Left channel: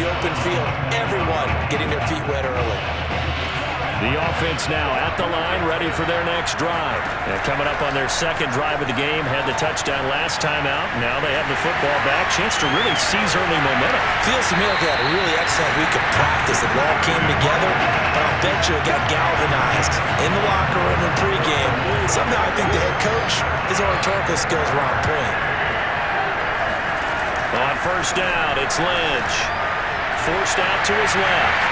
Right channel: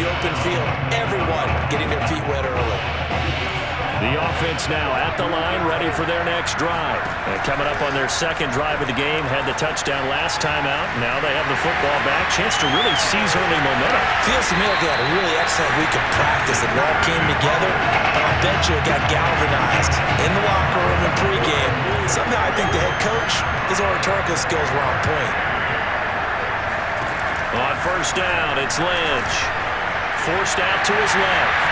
the open field. Everyone getting their feet wet early. The offense now at the line, ready for their next drive. And coming up on their second drive of the game, had the touchdown last time out. Now they have the football back. Chance to really seize early momentum. Feels to me like they had a really excellent week of practice. It all came together, but I'll bet you it got galvanized in the locker room and pregame. Somehow I think the head coach, his oratorical skills were on point. On first down, it's Lynch. Forced out to his left.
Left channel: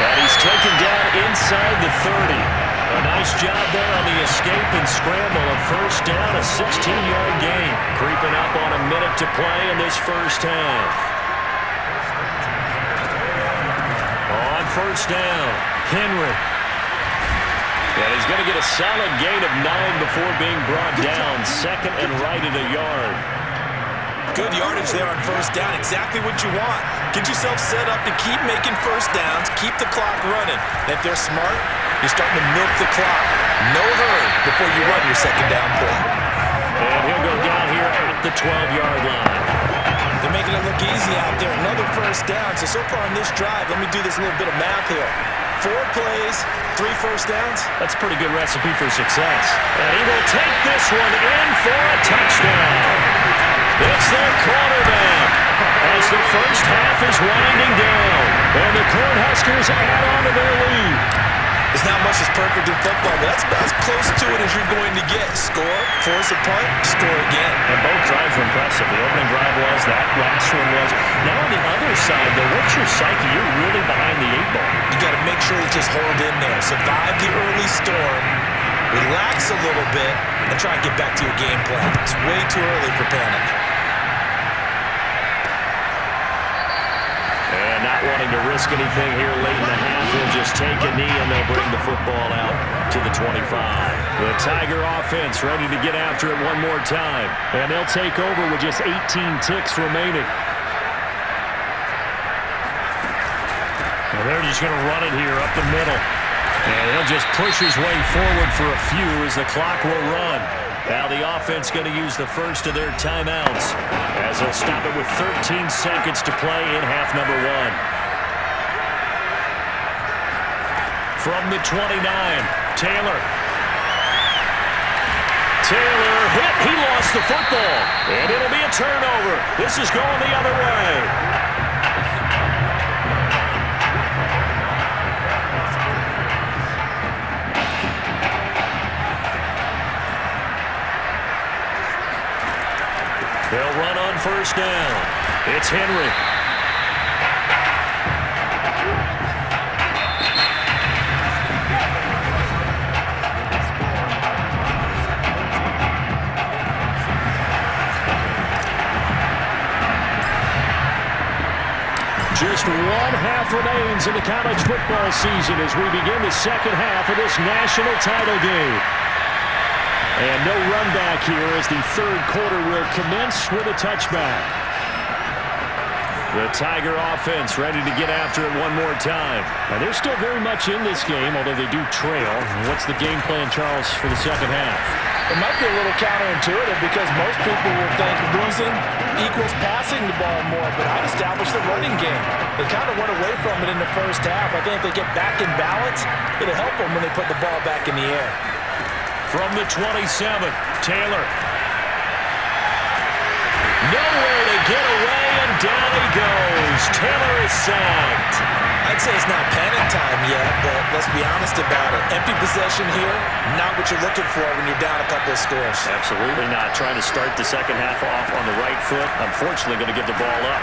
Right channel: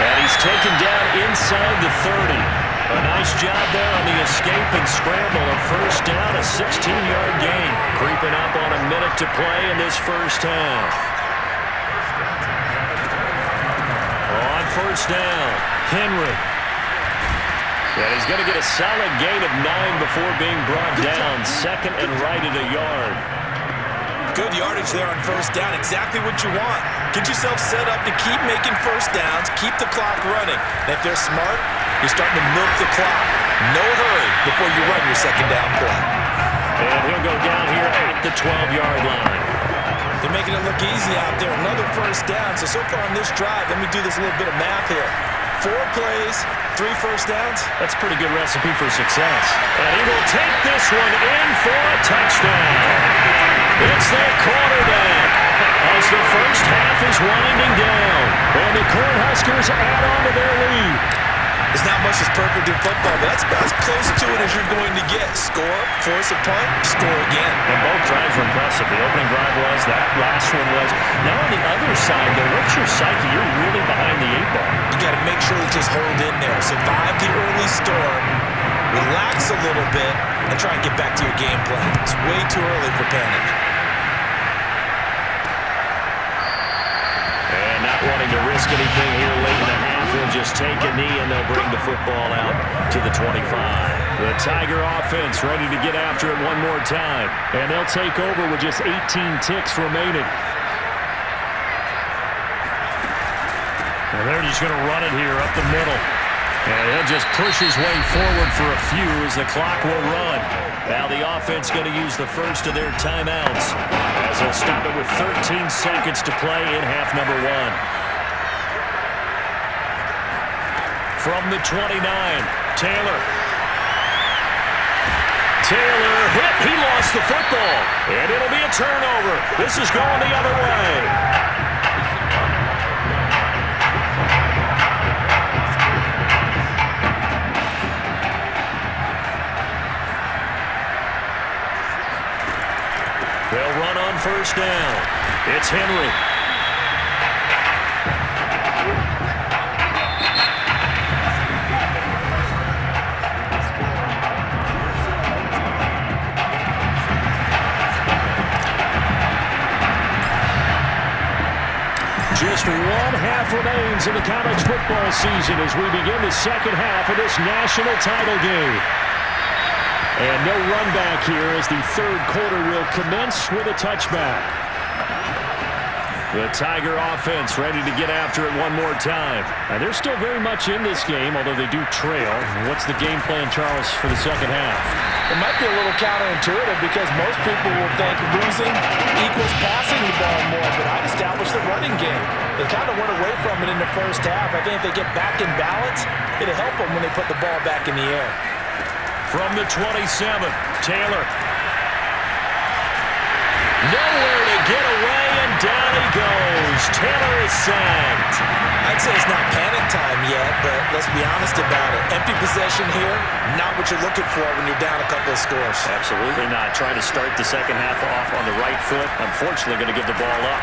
And he's taken down inside the 30. A nice job there on the escape and scramble. A first down, a 16-yard gain. Creeping up on a minute to play in this first half. On first down, Henry. And he's going to get a solid gain of 9 before being brought down. Second and right at a yard. Good yardage there on first down. Exactly what you want. Get yourself set up to keep making first downs, keep the clock running. And if they're smart, you're starting to milk the clock. No hurry before you run your second down play. And he'll go down here at the 12-yard line. They're making it look easy out there. Another first down. So far on this drive, let me do this little bit of math here. 4 plays, 3 first downs. That's a pretty good recipe for success. And he will take this one in for a touchdown. It's their quarterback as the first half is winding down. And the Cornhuskers add on to their lead. There's not much that's perfect in football, but that's about as close to it as you're going to get. Score, force a punt, score again. And both drives were impressive. The opening drive was, that last one was. Now on the other side, though, what's your psyche? You're really behind the 8 ball. You got to make sure to just hold in there. Survive the early storm, relax a little bit, and try and get back to your game plan. It's way too early for panic. And not wanting to risk anything here late in the half, he'll just take a knee and they'll bring the football out to the 25. The Tiger offense ready to get after it one more time. And they'll take over with just 18 ticks remaining. And they're just going to run it here up the middle. And he'll just push his way forward for a few as the clock will run. Now the offense going to use the first of their timeouts as they'll stop it with 13 seconds to play in half number 1. From the 29, Taylor. Taylor hit. He lost the football. And it'll be a turnover. This is going the other way. They'll run on first down. It's Henry. Just 1 half remains in the college football season as we begin the second half of this national title game. And no run back here as the third quarter will commence with a touchback. The Tiger offense ready to get after it one more time. And they're still very much in this game, although they do trail. What's the game plan, Charles, for the second half? It might be a little counterintuitive because most people will think losing equals passing the ball more, but I'd establish the running game. They kind of went away from it in the first half. I think if they get back in balance, it'll help them when they put the ball back in the air. From the 27, Taylor. Nowhere to get away, and down he goes. Taylor is sacked. I'd say it's not panic time yet, but let's be honest about it. Empty possession here, not what you're looking for when you're down a couple of scores. Absolutely not. Trying to start the second half off on the right foot. Unfortunately, going to give the ball up.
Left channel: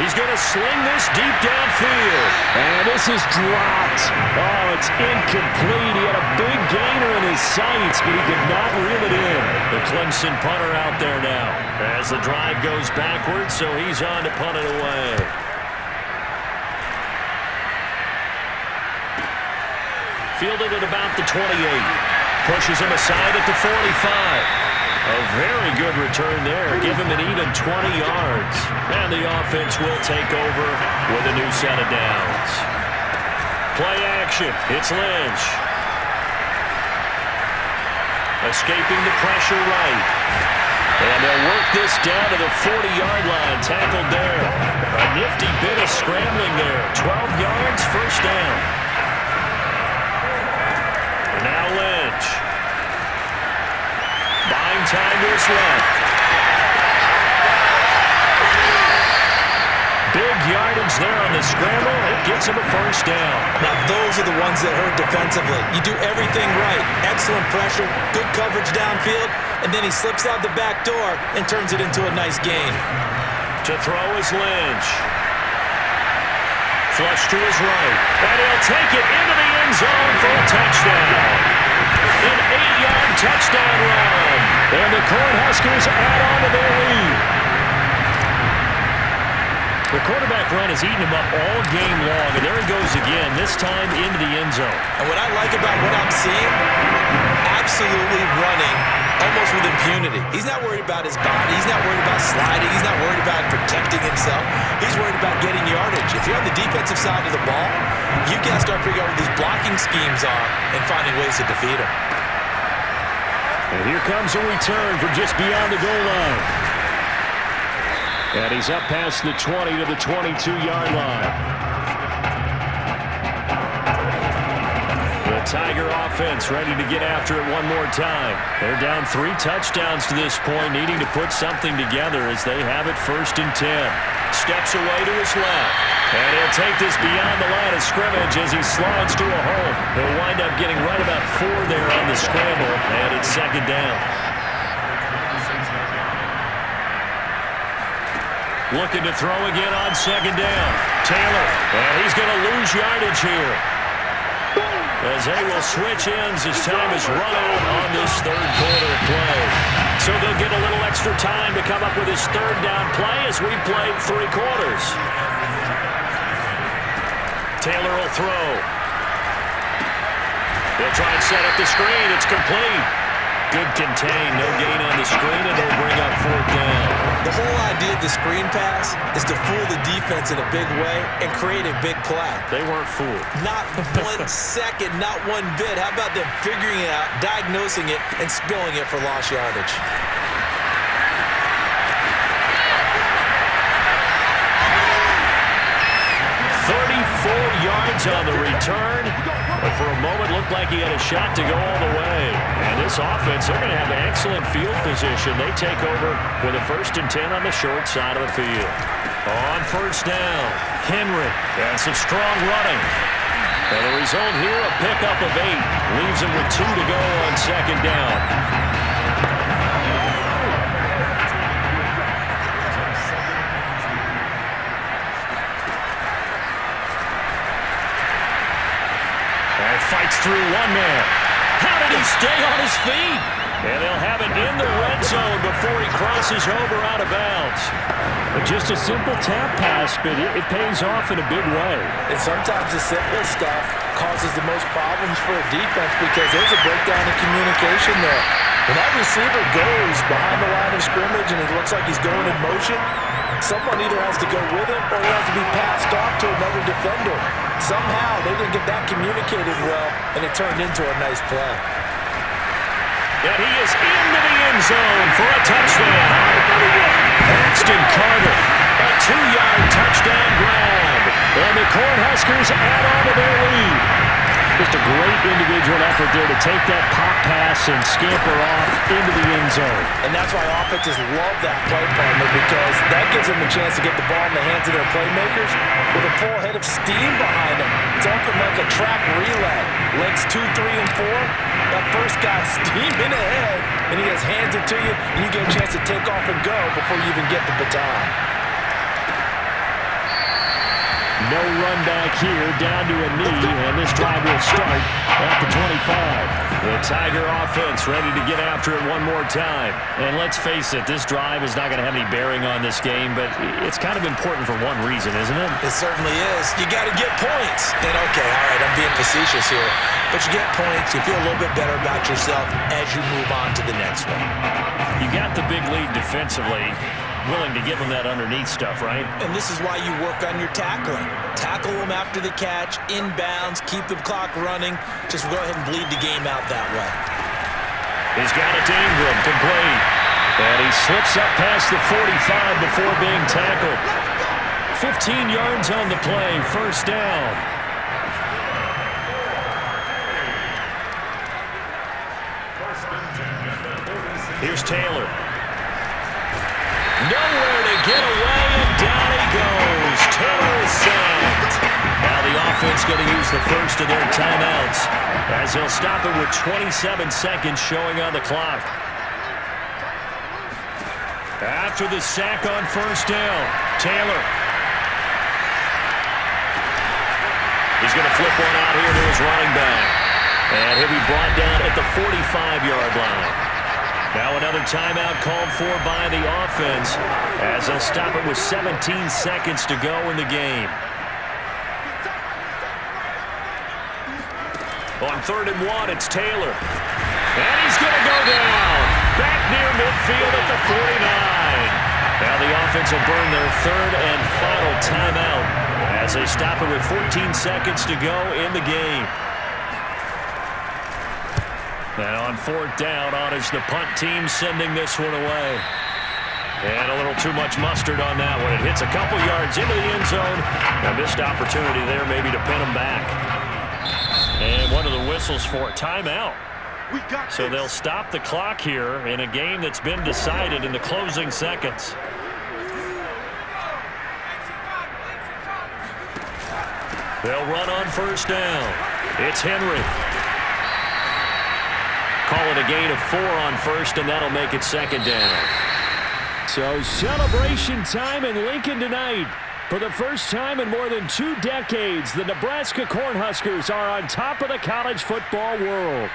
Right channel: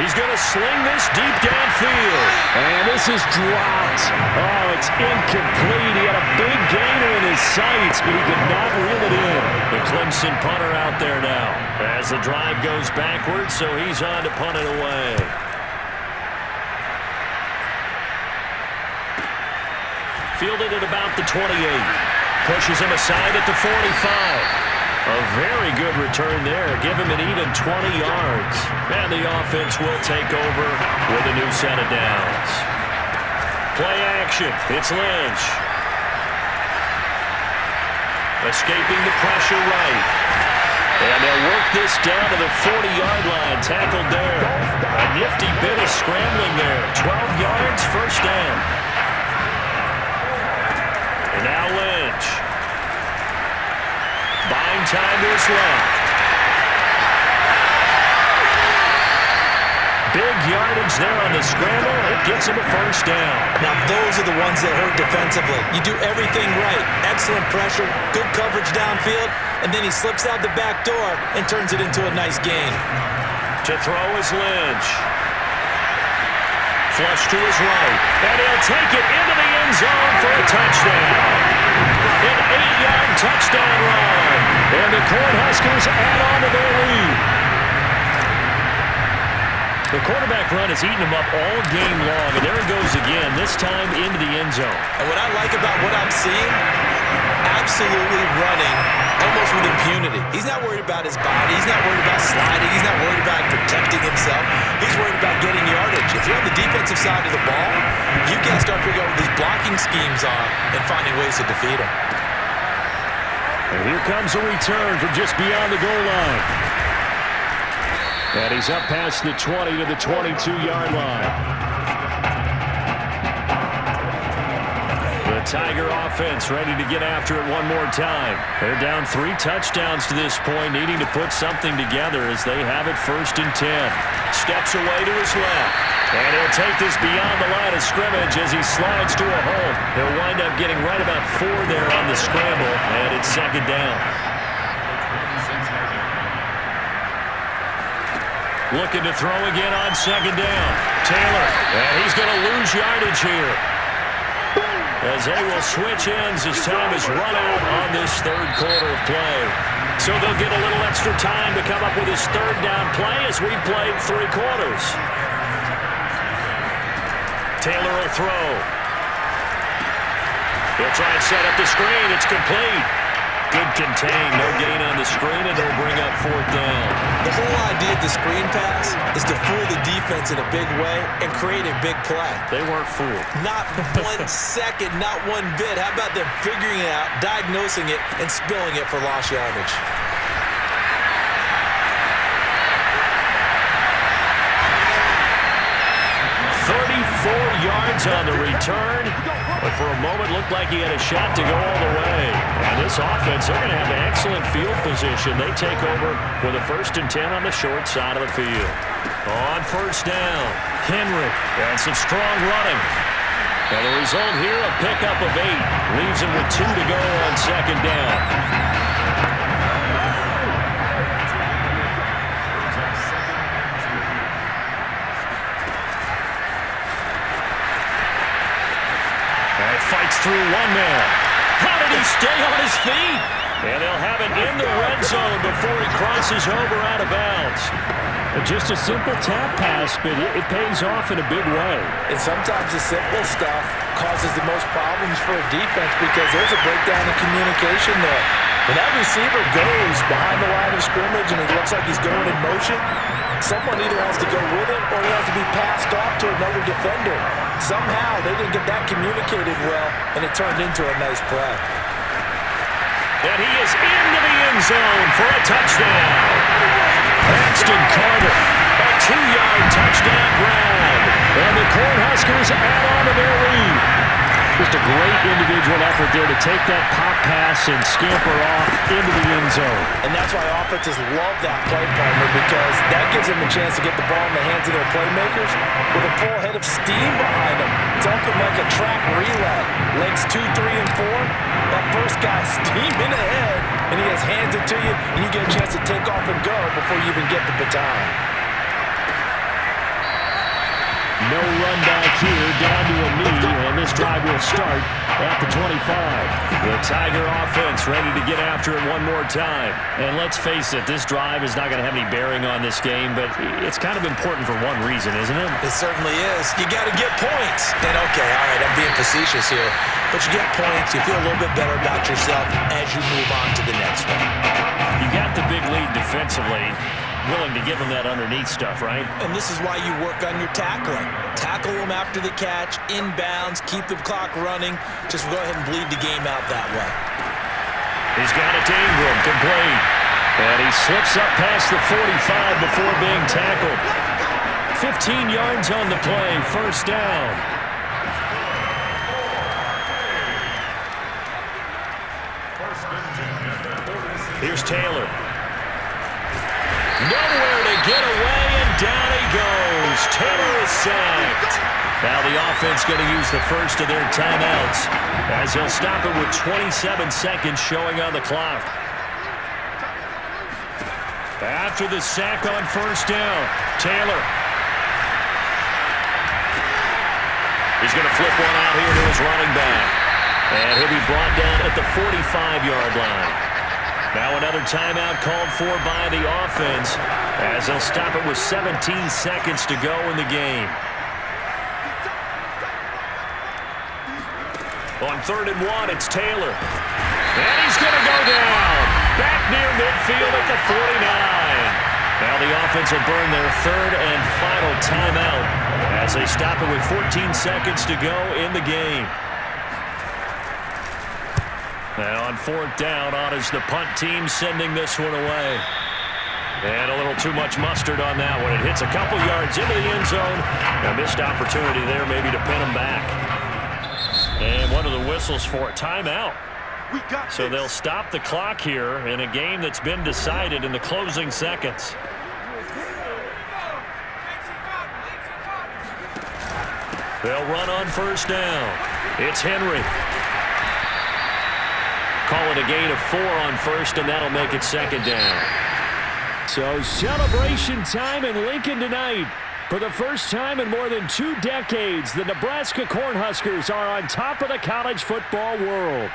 He's going to sling this deep downfield. And this is dropped. Oh, it's incomplete. He had a big gainer in his sights, but he could not reel it in. The Clemson punter out there now as the drive goes backwards, so he's on to punt it away. Fielded at about the 28. Pushes him aside at the 45. A very good return there. Give him an even 20 yards. And the offense will take over with a new set of downs. Play action. It's Lynch. Escaping the pressure right. And they'll work this down to the 40-yard line. Tackled there. A nifty bit of scrambling there. 12 yards, first down. And now Lynch. Buying time to his left. Big yardage there on the scramble. It gets him a first down. Now, those are the ones that hurt defensively. You do everything right. Excellent pressure, good coverage downfield, and then he slips out the back door and turns it into a nice gain. To throw is Lynch. Flush to his right. And he'll take it into the end zone for a touchdown. An 8-yard touchdown run. And the Cornhuskers add on to their lead. The quarterback run has eaten him up all game long, and there he goes again, this time into the end zone. And what I like about what I'm seeing, absolutely running almost with impunity. He's not worried about his body. He's not worried about sliding. He's not worried about protecting himself. He's worried about getting yardage. If you're on the defensive side of the ball, you got to start figuring out what these blocking schemes are and finding ways to defeat them. And here comes a return from just beyond the goal line. And he's up past the 20 to the 22-yard line. The Tiger offense ready to get after it one more time. They're down 3 touchdowns to this point, needing to put something together as they have it 1st and 10. Steps away to his left. And he'll take this beyond the line of scrimmage as he slides to a hole. He'll wind up getting right about 4 there on the scramble, and it's 2nd down. Looking to throw again on 2nd down. Taylor, and he's going to lose yardage here. As they will switch ends as time is run out on this 3rd quarter of play. So they'll get a little extra time to come up with his 3rd down play as we've played 3 quarters. Taylor will throw. He'll try and set up the screen. It's complete. Good contain, no gain on the screen, and they'll bring up 4th down. The whole idea of the screen pass is to fool the defense in a big way and create a big play. They weren't fooled. Not 1 second, not 1 bit. How about them figuring it out, diagnosing it, and spilling it for lost yardage? Yards on the return, but for a moment looked like he had a shot to go all the way. And this offense, they're going to have an excellent field position. They take over with a 1st and 10 on the short side of the field. On 1st down, Henry, and some strong running. And the result here, a pickup of 8. Leaves him with 2 to go on 2nd down. And fights through 1 man. How did he stay on his feet? And they'll have it in the red zone before he crosses over out of bounds. Just a simple tap pass, but it pays off in a big way. And sometimes the simple stuff causes the most problems for a defense because there's a breakdown in communication there. When that receiver goes behind the line of scrimmage and it looks like he's going in motion, someone either has to go with him or he has to be passed off to another defender. Somehow they didn't get that communicated well, and it turned into a nice play. And he is into the end zone for a touchdown. Paxton Carter, a 2-yard touchdown grab. And the Cornhuskers add on to their lead. Just a great individual effort there to take that pop pass and scamper off into the end zone. And that's why offenses love that play partner, because that gives them a chance to get the ball in the hands of their playmakers with a full head of steam behind them. It's open like a track relay. Legs 2, 3, and 4. That first guy steaming ahead, and he just hands it to you, and you get a chance to take off and go before you even get the baton. No run back here, down to a knee, and this drive will start at the 25. The Tiger offense ready to get after it one more time. And let's face it, this drive is not going to have any bearing on this game, but it's kind of important for one reason, isn't it? It certainly is. You got to get points. And okay, all right, I'm being facetious here, but you get points, you feel a little bit better about yourself as you move on to the next one. You got the big lead defensively. Willing to give them that underneath stuff, right? And this is why you work on your tackling. Tackle them after the catch, inbounds, keep the clock running. Just go ahead and bleed the game out that way. He's got it to Ingram, complete. And he slips up past the 45 before being tackled. 15 yards on the play, first down. Here's Taylor. Nowhere to get away, and down he goes. Taylor is sacked. Now the offense going to use the first of their timeouts as they'll stop it with 27 seconds showing on the clock. After the sack on first down, Taylor. He's going to flip one out here to his running back. And he'll be brought down at the 45-yard line. Now another timeout called for by the offense as they'll stop it with 17 seconds to go in the game. On 3rd and 1, it's Taylor. And he's going to go down. Back near midfield at the 49. Now the offense will burn their 3rd and final timeout as they stop it with 14 seconds to go in the game. And on 4th down, on is the punt team sending this one away. And a little too much mustard on that one. It hits a couple yards into the end zone. A missed opportunity there maybe to pin them back. And one of the whistles for a timeout. So they'll stop the clock here in a game that's been decided in the closing seconds. They'll run on first down. It's Henry. Call it a gain of 4 on first, and that'll make it 2nd down. So celebration time in Lincoln tonight. For the first time in more than 2 decades, the Nebraska Cornhuskers are on top of the college football world.